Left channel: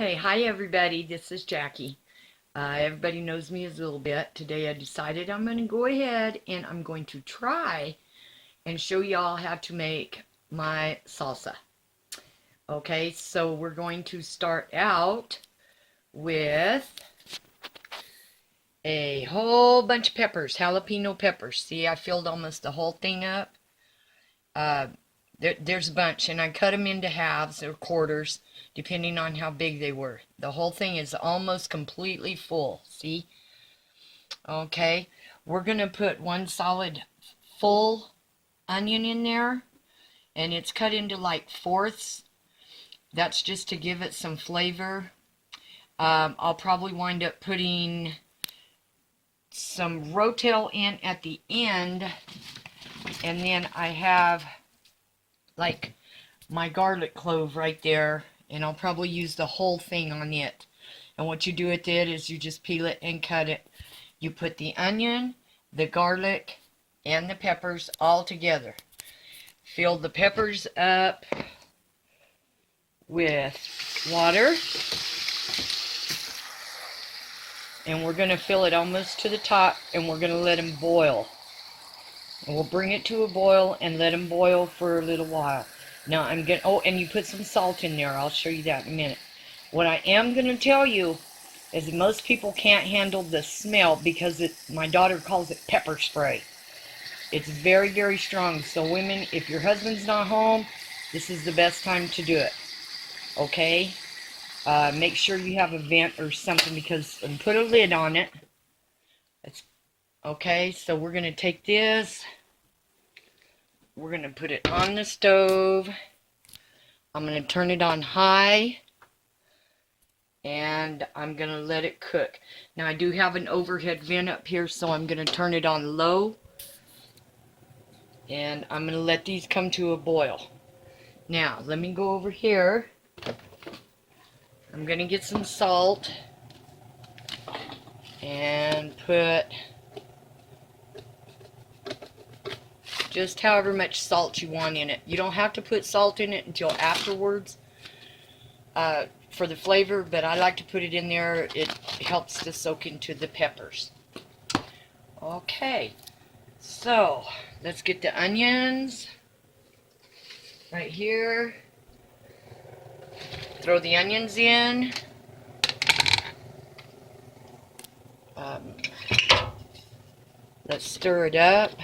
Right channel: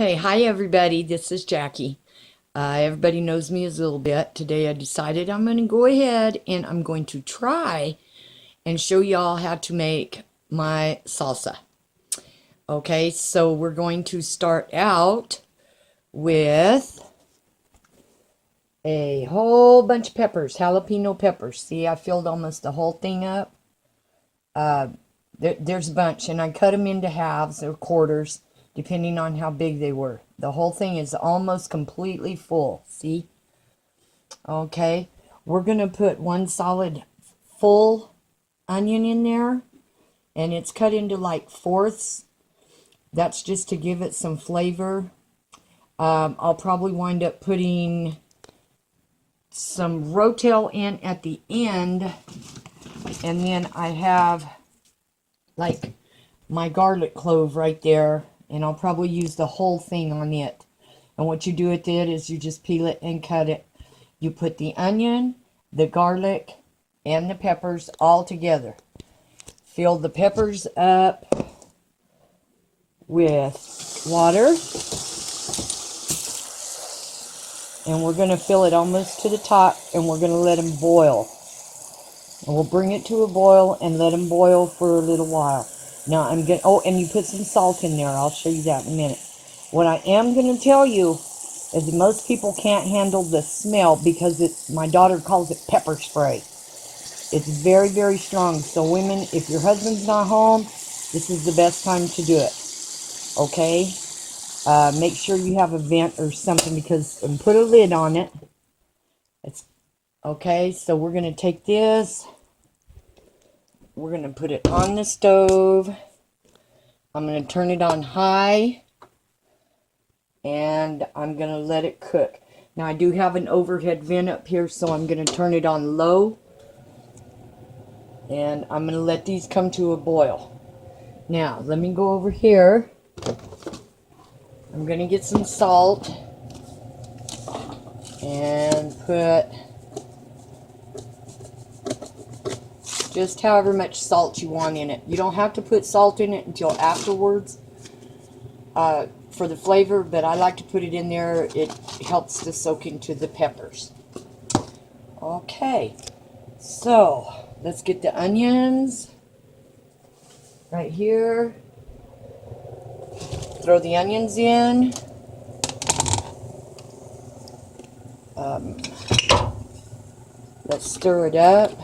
Okay, hi everybody, this is Jackie. Everybody knows me as Lil Bitt. Today I decided I'm going to go ahead and I'm going to try and show y'all how to make my salsa. Okay, so we're going to start out with a whole bunch of peppers, jalapeno peppers. See, I filled almost the whole thing up. There's a bunch, and I cut them into halves or quarters, depending on how big they were. The whole thing is almost completely full, see? Okay, we're going to put one solid full onion in there, and it's cut into like fourths. That's just to give it some flavor. I'll probably wind up putting some rotel in at the end, and then I have like my garlic clove right there, and I'll probably use the whole thing on it. And what you do with it is you just peel it and cut it. You put the onion, the garlic, and the peppers all together. Fill the peppers up with water, and we're going to fill it almost to the top, and we're going to let them boil. And we'll bring it to a boil and let them boil for a little while. Now I'm going to, oh, and you put some salt in there. I'll show you that in a minute. What I am going to tell you is that most people can't handle the smell because my daughter calls it pepper spray. It's very, very strong. So women, if your husband's not home, this is the best time to do it. Okay? Make sure you have a vent or something and put a lid on it. Okay, so we're going to take this. We're going to put it on the stove. I'm going to turn it on high. And I'm going to let it cook. Now I do have an overhead vent up here, so I'm going to turn it on low. And I'm going to let these come to a boil. Now, let me go over here. I'm going to get some salt. And put just however much salt you want in it. You don't have to put salt in it until afterwards for the flavor, but I like to put it in there. It helps to soak into the peppers. Okay, so let's get the onions right here. Throw the onions in. Let's stir it up.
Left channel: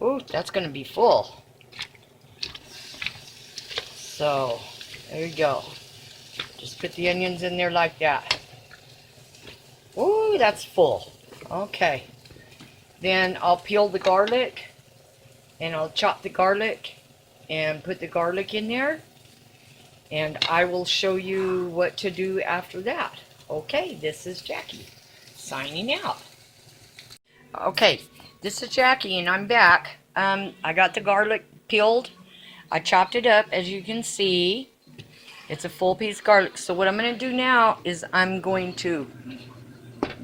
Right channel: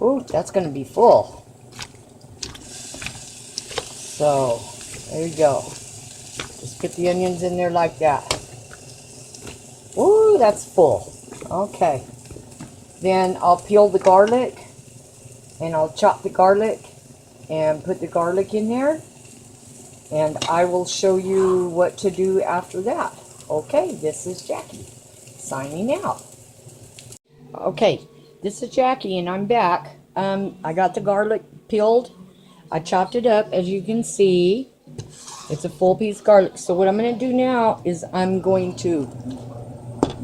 Ooh, that's going to be full. So, there you go. Just put the onions in there like that. Ooh, that's full. Okay. Then I'll peel the garlic, and I'll chop the garlic and put the garlic in there. And I will show you what to do after that. Okay, this is Jackie signing out. Okay, this is Jackie, and I'm back. I got the garlic peeled. I chopped it up, as you can see. It's a full piece of garlic. So what I'm going to do now is I'm going to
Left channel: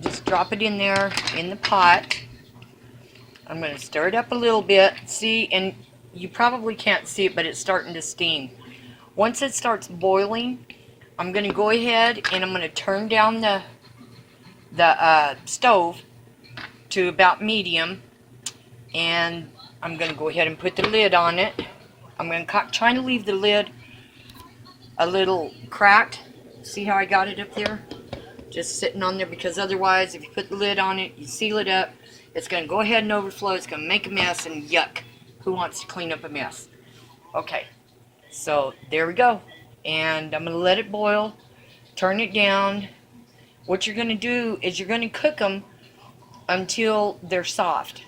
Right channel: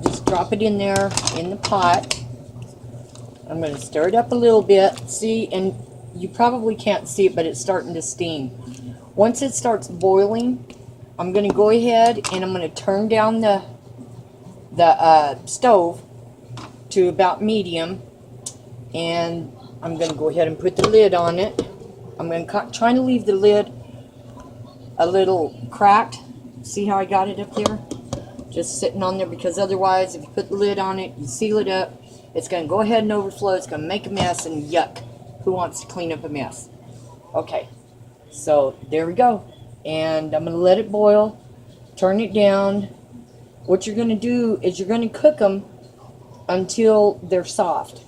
just drop it in there in the pot. I'm going to stir it up a little bit. See, and you probably can't see it, but it's starting to steam. Once it starts boiling, I'm going to go ahead and I'm going to turn down the stove to about medium, and I'm going to go ahead and put the lid on it. I'm going to try to leave the lid a little cracked. See how I got it up there? Just sitting on there, because otherwise if you put the lid on it, you seal it up, it's going to go ahead and overflow. It's going to make a mess, and yuck. Who wants to clean up a mess? Okay, so there we go. And I'm going to let it boil. Turn it down. What you're going to do is you're going to cook them until they're soft.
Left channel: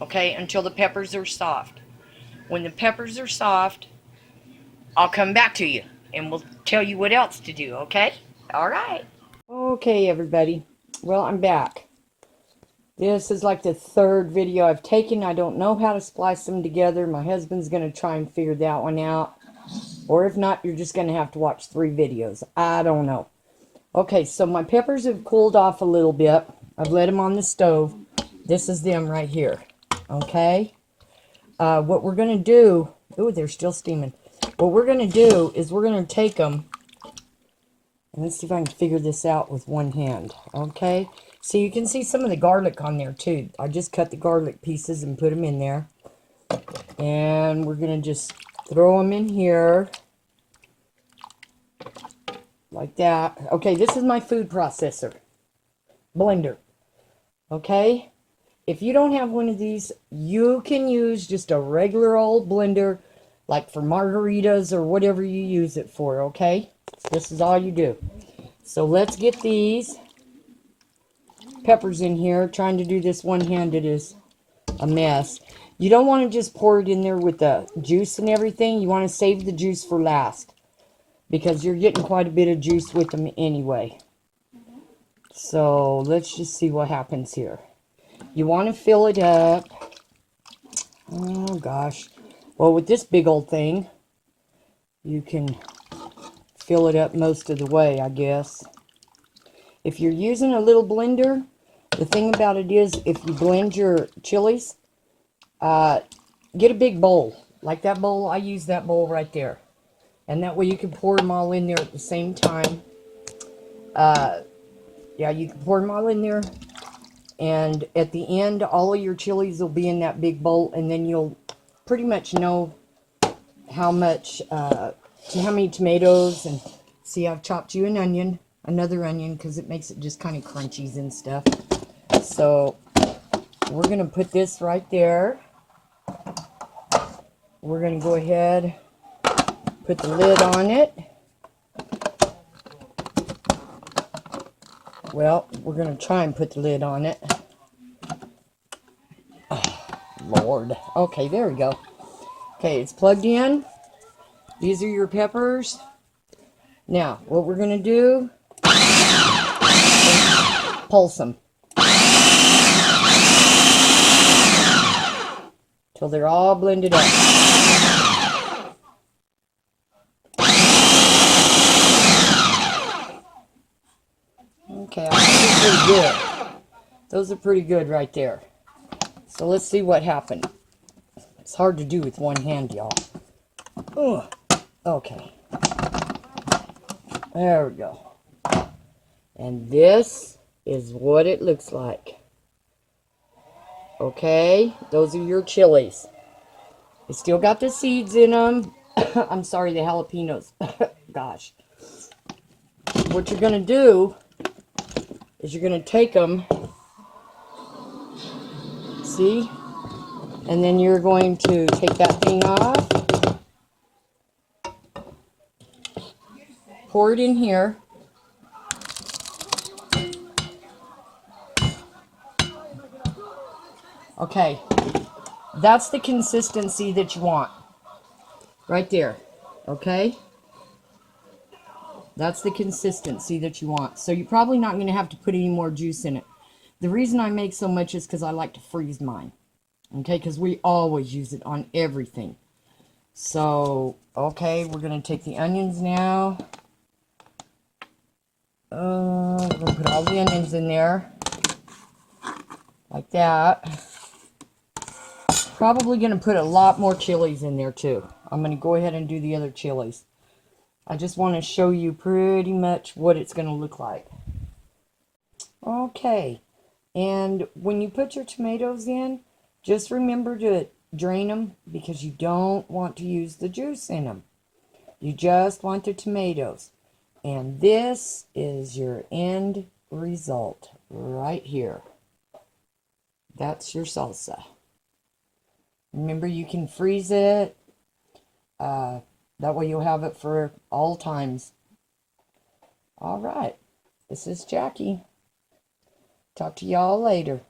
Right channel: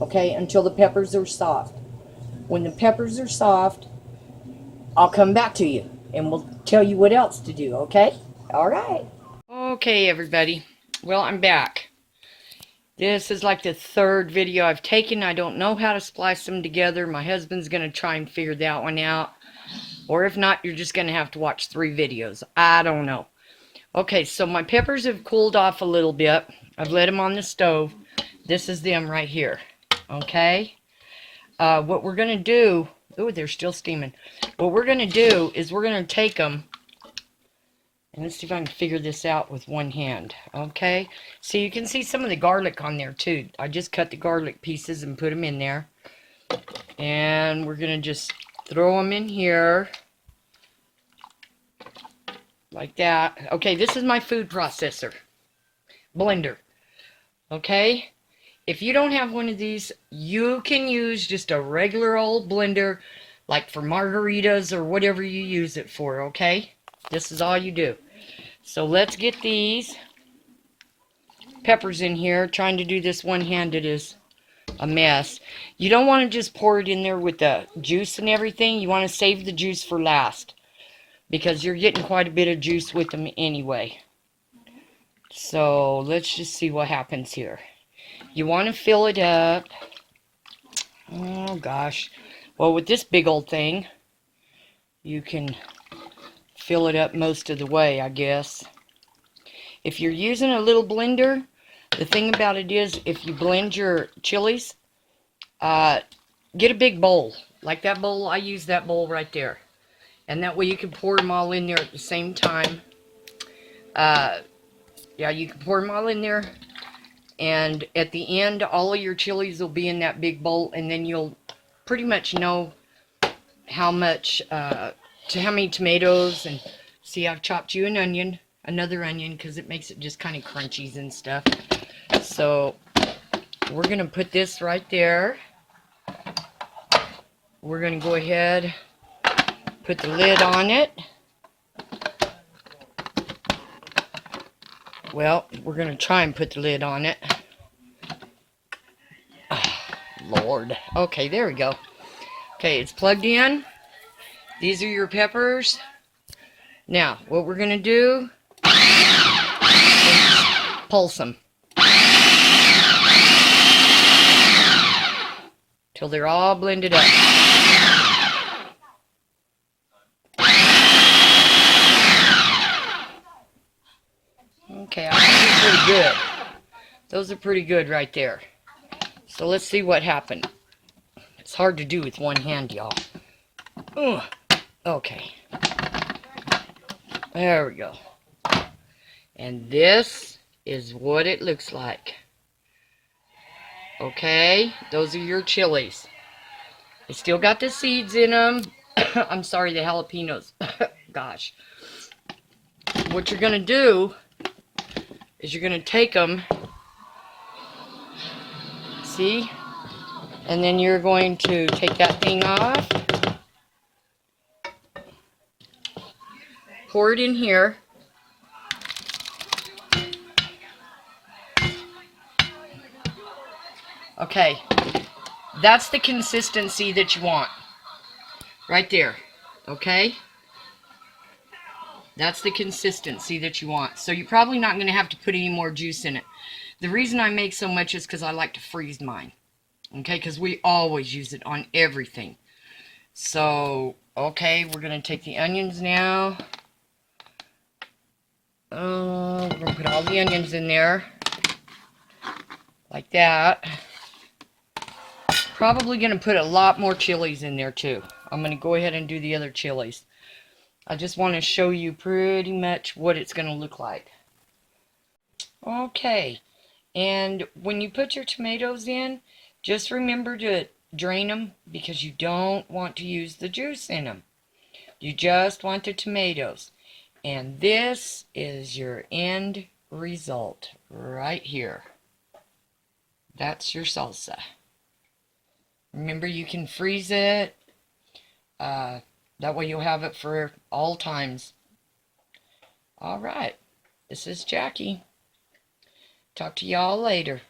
Okay, until the peppers are soft. When the peppers are soft, I'll come back to you and we'll tell you what else to do, okay? Alright. Okay, everybody. Well, I'm back. This is like the third video I've taken. I don't know how to splice them together. My husband's going to try and figure that one out. Or if not, you're just going to have to watch 3 videos. I don't know. Okay, so my peppers have cooled off a little bit. I've let them on the stove. This is them right here. Okay? What we're going to do... Ooh, they're still steaming. What we're going to do is we're going to take them And let's see if I can figure this out with one hand. Okay. So you can see some of the garlic on there too. I just cut the garlic pieces and put them in there. And we're going to just throw them in here. Like that. Okay, this is my food processor. Blender. Okay. If you don't have one of these, you can use just a regular old blender, like for margaritas or whatever you use it for, okay? This is all you do. So let's get these peppers in here. Trying to do this one-handed is a mess. You don't want to just pour it in there with the juice and everything. You want to save the juice for last, because you're getting quite a bit of juice with them anyway. So let's just see what happens here. You want to fill it up. Oh gosh. Well, with this big old thing, you can fill it up most of the way, I guess. If you're using a little blender, the thing about it is, if you blend your chilies, get a big bowl. Like that bowl, I use that bowl right there. And that way you can pour them all in there at the same time. Yeah, you can pour them all in there. And at the end, all of your chilies will be in that big bowl. And then you'll pretty much know how much, to how many tomatoes. And see, I've chopped you an onion, another onion, because it makes it just kind of crunchies and stuff. So we're going to put this right there. We're going to go ahead, put the lid on it. Well, we're going to try and put the lid on it. Lord. Okay, there we go. Okay, it's plugged in. These are your peppers. Now, what we're going to do is pulse them till they're all blended up. Okay, I think they're pretty good. Those are pretty good right there. So let's see what happened. It's hard to do with one hand, y'all. Okay. There we go. And this is what it looks like. Okay, those are your chilies. They still got the seeds in them. I'm sorry, the jalapenos. Gosh. What you're going to do is you're going to take them, see, and then you're going to take that thing off, pour it in here, okay, that's the consistency that you want, right there, okay? That's the consistency that you want. So you're probably not going to have to put any more juice in it. The reason I make so much is because I like to freeze mine. Okay, because we always use it on everything. So, okay, we're going to take the onions now. We're going to put all the onions in there. Like that. Probably going to put a lot more chilies in there too. I'm going to go ahead and do the other chilies. I just want to show you pretty much what it's going to look like. Okay, and when you put your tomatoes in, just remember to drain them, because you don't want to use the juice in them. You just want the tomatoes. And this is your end result right here. That's your salsa. Remember, you can freeze it. That way you'll have it for all times. All right. This is Jackie. Talk to y'all later.